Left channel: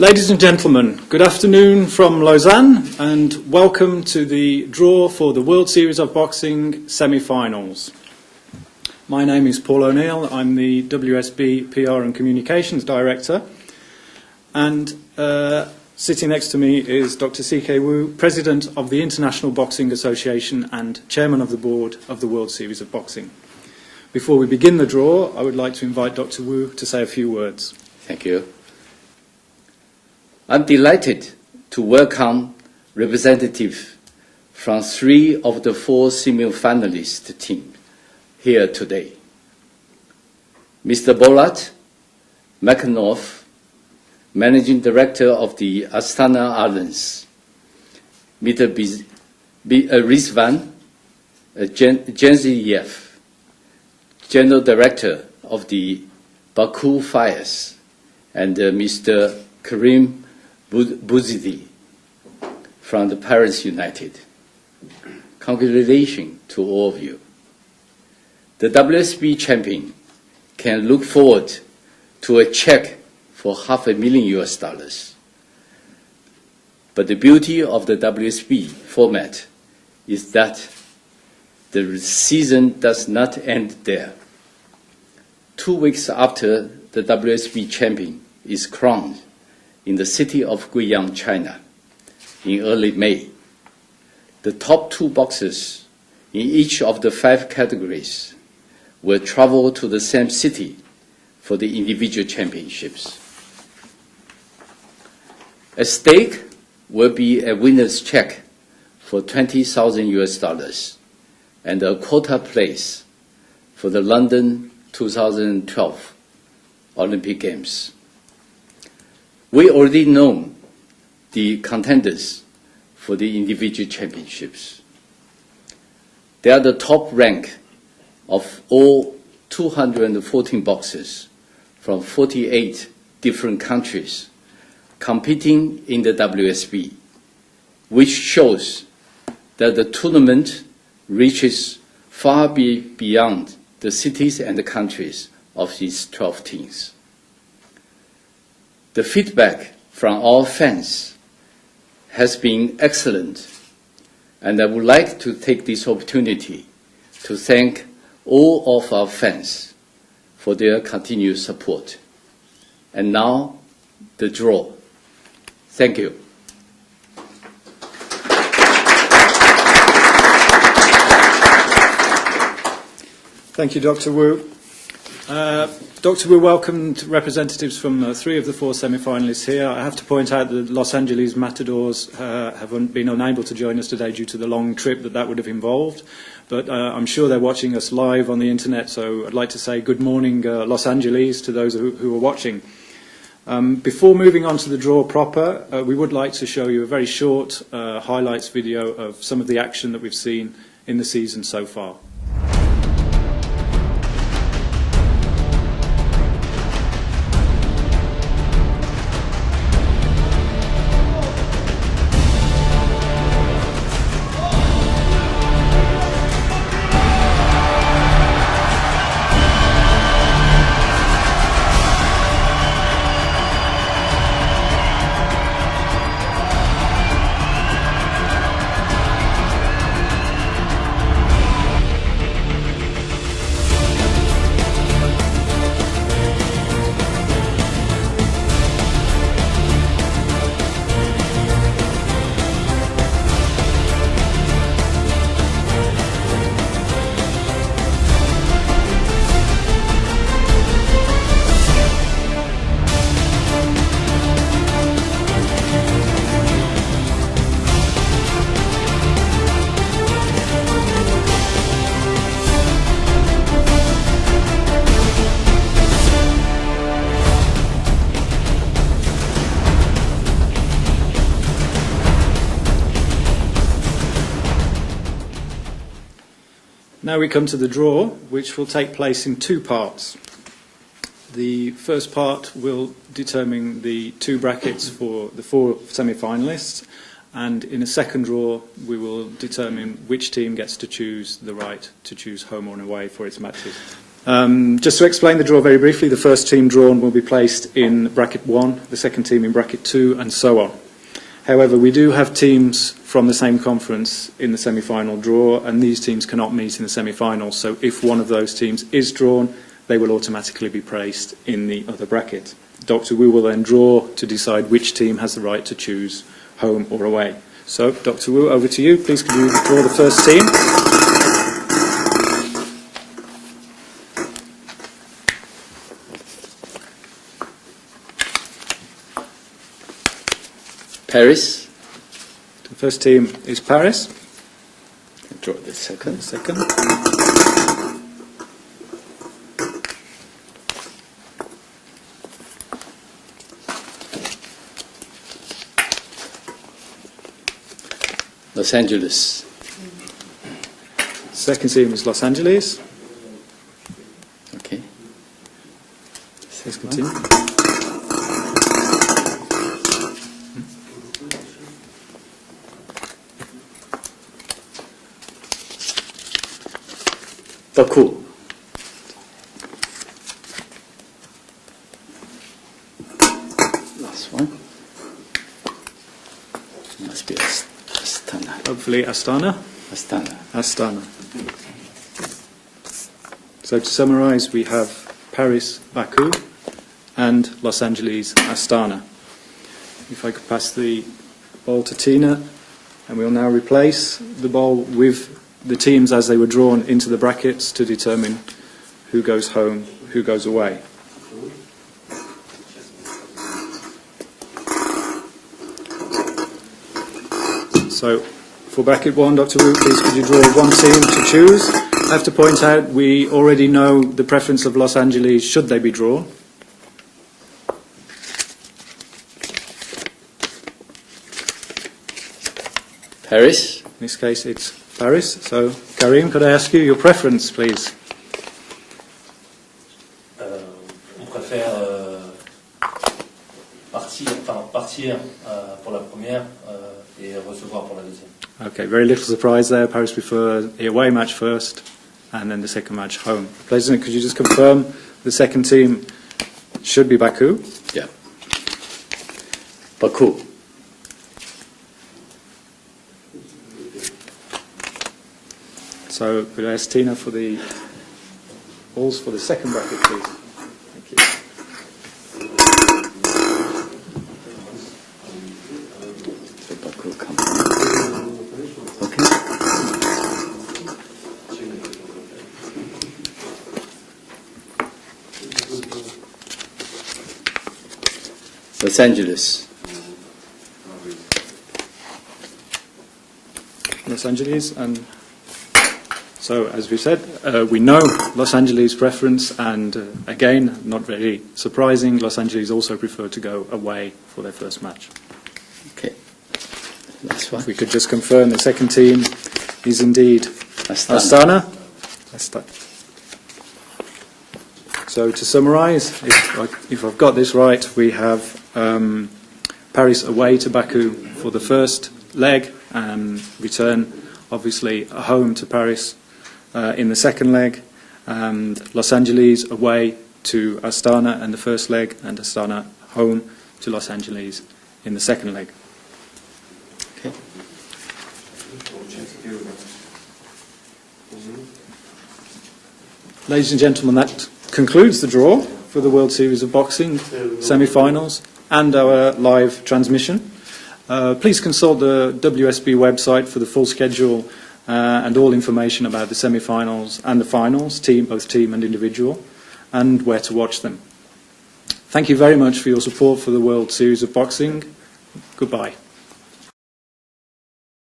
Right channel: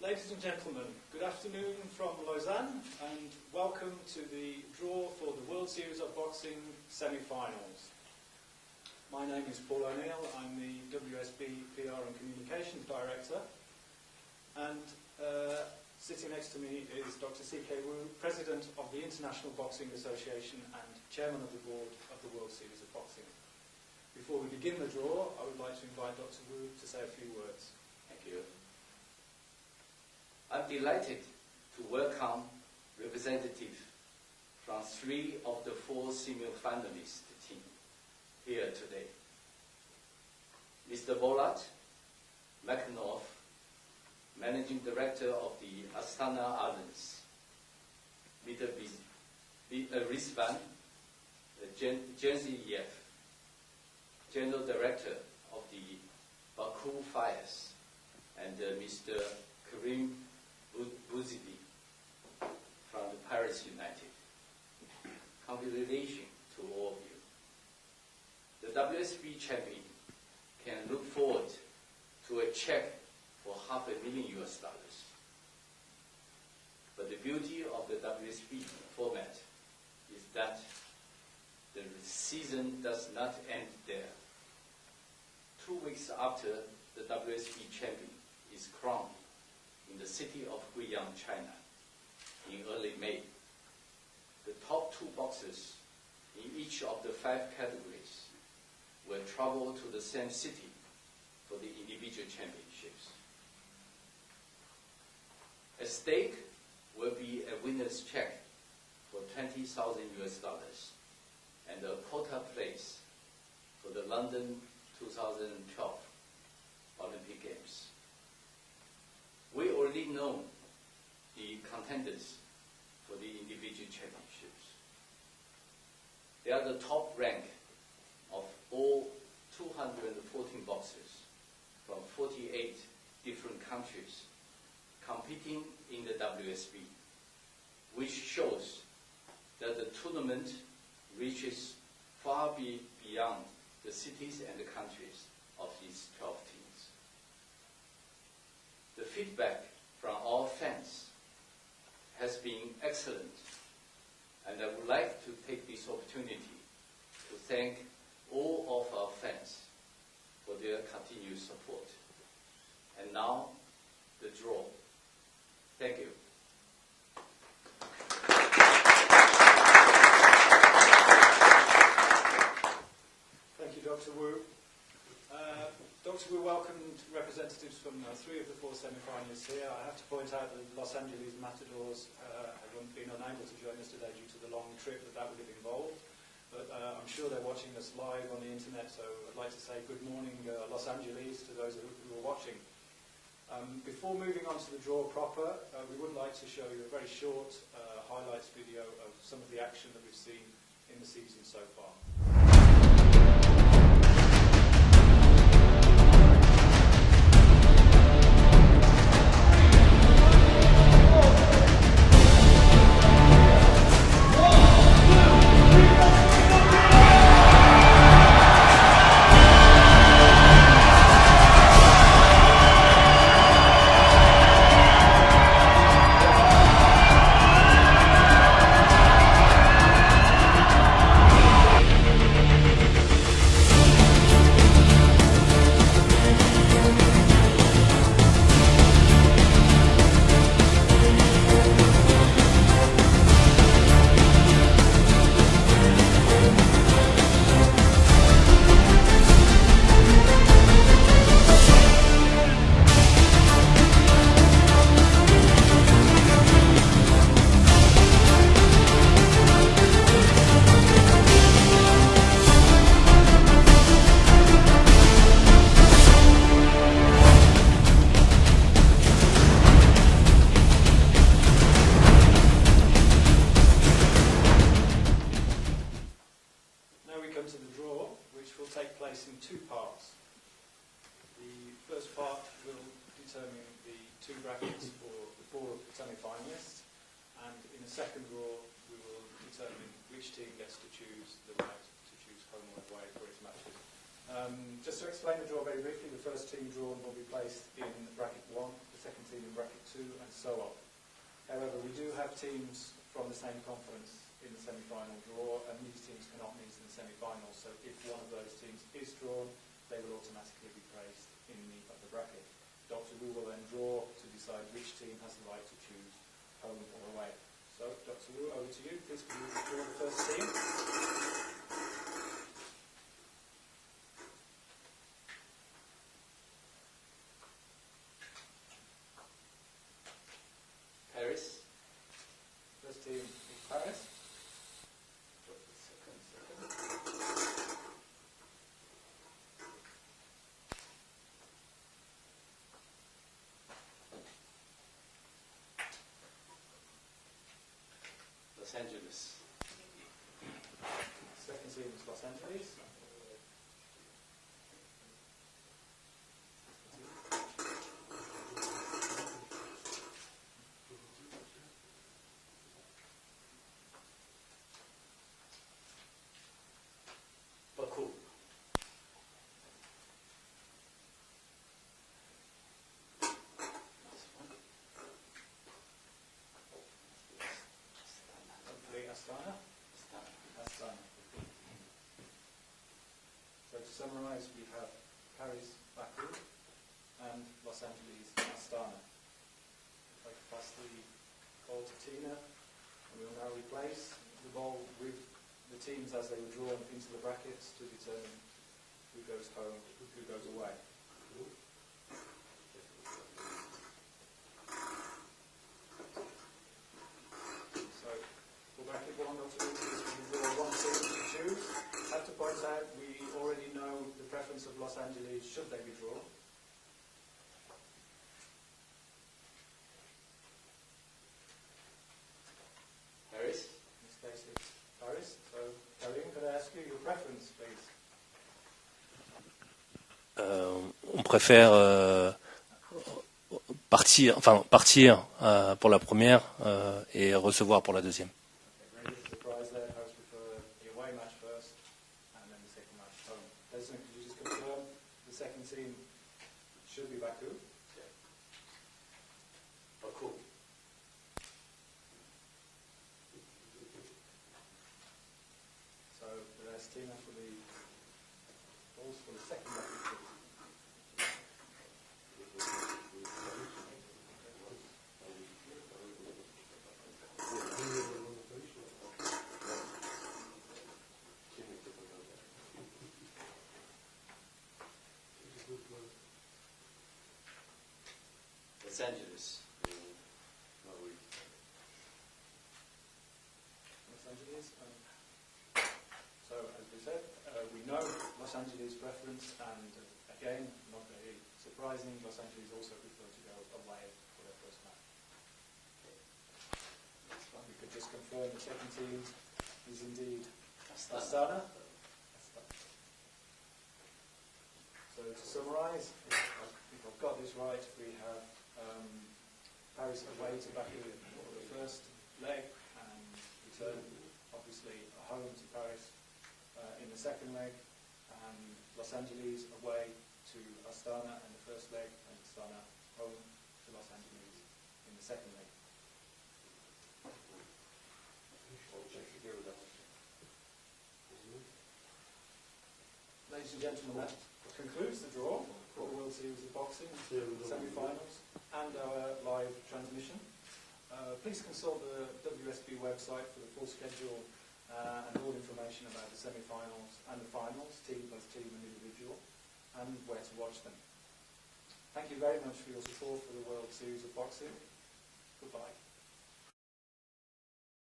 Ladies and gentlemen, good afternoon from Lausanne and welcome to the draw for the World Series of Boxing semi-finals. My name is Paul O'Neill, I'm the WSB PR and Communications Director, and sitting next to me is Dr. C.K. Wu, President of the International Boxing Association and Chairman of the Board of the World Series of Boxing. Before we begin the draw, I would like to invite Dr. Wu to say a few words. Thank you. I'm delighted to welcome representatives from 3 of the 4 semi-finalist teams here today. Mr. Bolat McNorth, Managing Director of the Astana Arlans, Mr. Rizvan Genziyev, General Director of the Baku Fires, and Mr. Karim Bouzidi from the Paris United. Congratulations to all of you. The WSB champion can look forward to a check for $500,000 US. But the beauty of the WSB format is that the season does not end there. 2 weeks after the WSB champion is crowned in the city of Guiyang, China, in early May, the top 2 boxers in each of the 5 categories will travel to the same city for the individual championships. At stake will be a winner's check for $20,000 US and a quota place for the London 2012 Olympic Games. We already know the contenders for the individual championships. They are the top rank of all 214 boxers from 48 different countries competing in the WSB, which shows that the tournament reaches far beyond the cities and the countries of these 12 teams. The feedback from our fans has been excellent, and I would like to take this opportunity to thank all of our fans for their continued support. And now, the draw. Thank you. Thank you, Dr. Wu. Dr. Wu welcomed representatives from 3 of the 4 semi-finalists here. I have to point out that the Los Angeles Matadors have been unable to join us today due to the long trip that would have involved. But I'm sure they're watching us live on the internet, so I'd like to say good morning, Los Angeles, to those who are watching. Before moving on to the draw proper, we would like to show you a very short highlights video of some of the action that we've seen in the season so far. Now we come to the draw, which will take place in 2 parts. The first part will determine the 2 brackets for the 4 semi-finalists, and in a second draw we will determine which team gets to choose the right to choose home or away for its matches. Just to explain the draw very briefly, the first team drawn will be placed in bracket 1, the second team in bracket 2, and so on. However, we do have teams from the same conference in the semi-final draw, and these teams cannot meet in the semi-finals. So if one of those teams is drawn, they will automatically be placed in the other bracket. Dr. Wu will then draw to decide which team has the right to choose home or away. So, Dr. Wu, over to you. Please could you draw the first team? Paris. The first team is Paris. Draw the second. Los Angeles. Second team is Los Angeles. Okay. Second team. Baku. Last one. Must be Astana. Hopefully Astana. Astana. So to summarise, we have Paris, Baku, and Los Angeles, Astana. If I could pass the ball to Tina, and we'll now replace the ball with the teams as they were drawn into the brackets to determine who goes home, who goes away. So, for bracket 1, Dr. Wu, please could you draw one team to choose? I have to point out we already know the preference of Los Angeles should they be drawn. Paris. In this case, it's Paris. So, Karim, could I ask you your preference, please? On préfère partir pour la première et recevoir pour la deuxième. Okay, very little surprise there. Paris prefer the away match first, and then the second match home. President, could you just confirm the second team should be Baku? Yeah. Baku. So could I ask Tina for the balls for the second bracket, please? Thank you. So Baku comes. Okay. Los Angeles. Los Angeles, and so as we said, we know Los Angeles' preference, and again, not very surprising, Los Angeles also prefer to go away for their first match. Okay. Last one. If we could just confirm the second team is indeed Astana. So to summarise, if I've got this right, we have Paris away to Baku for the first leg, and return obviously home to Paris in the second leg, and Los Angeles away to Astana in the first leg, and Astana home to Los Angeles in the second leg. Okay. Ladies and gentlemen, that concludes the draw for the World Series of Boxing semi-finals and our live transmission. Please consult the WSB website for the full schedule and all information about the semi-finals and the finals, both team and individual, and where to watch them. Thank you very much for your support for the World Series of Boxing. Goodbye.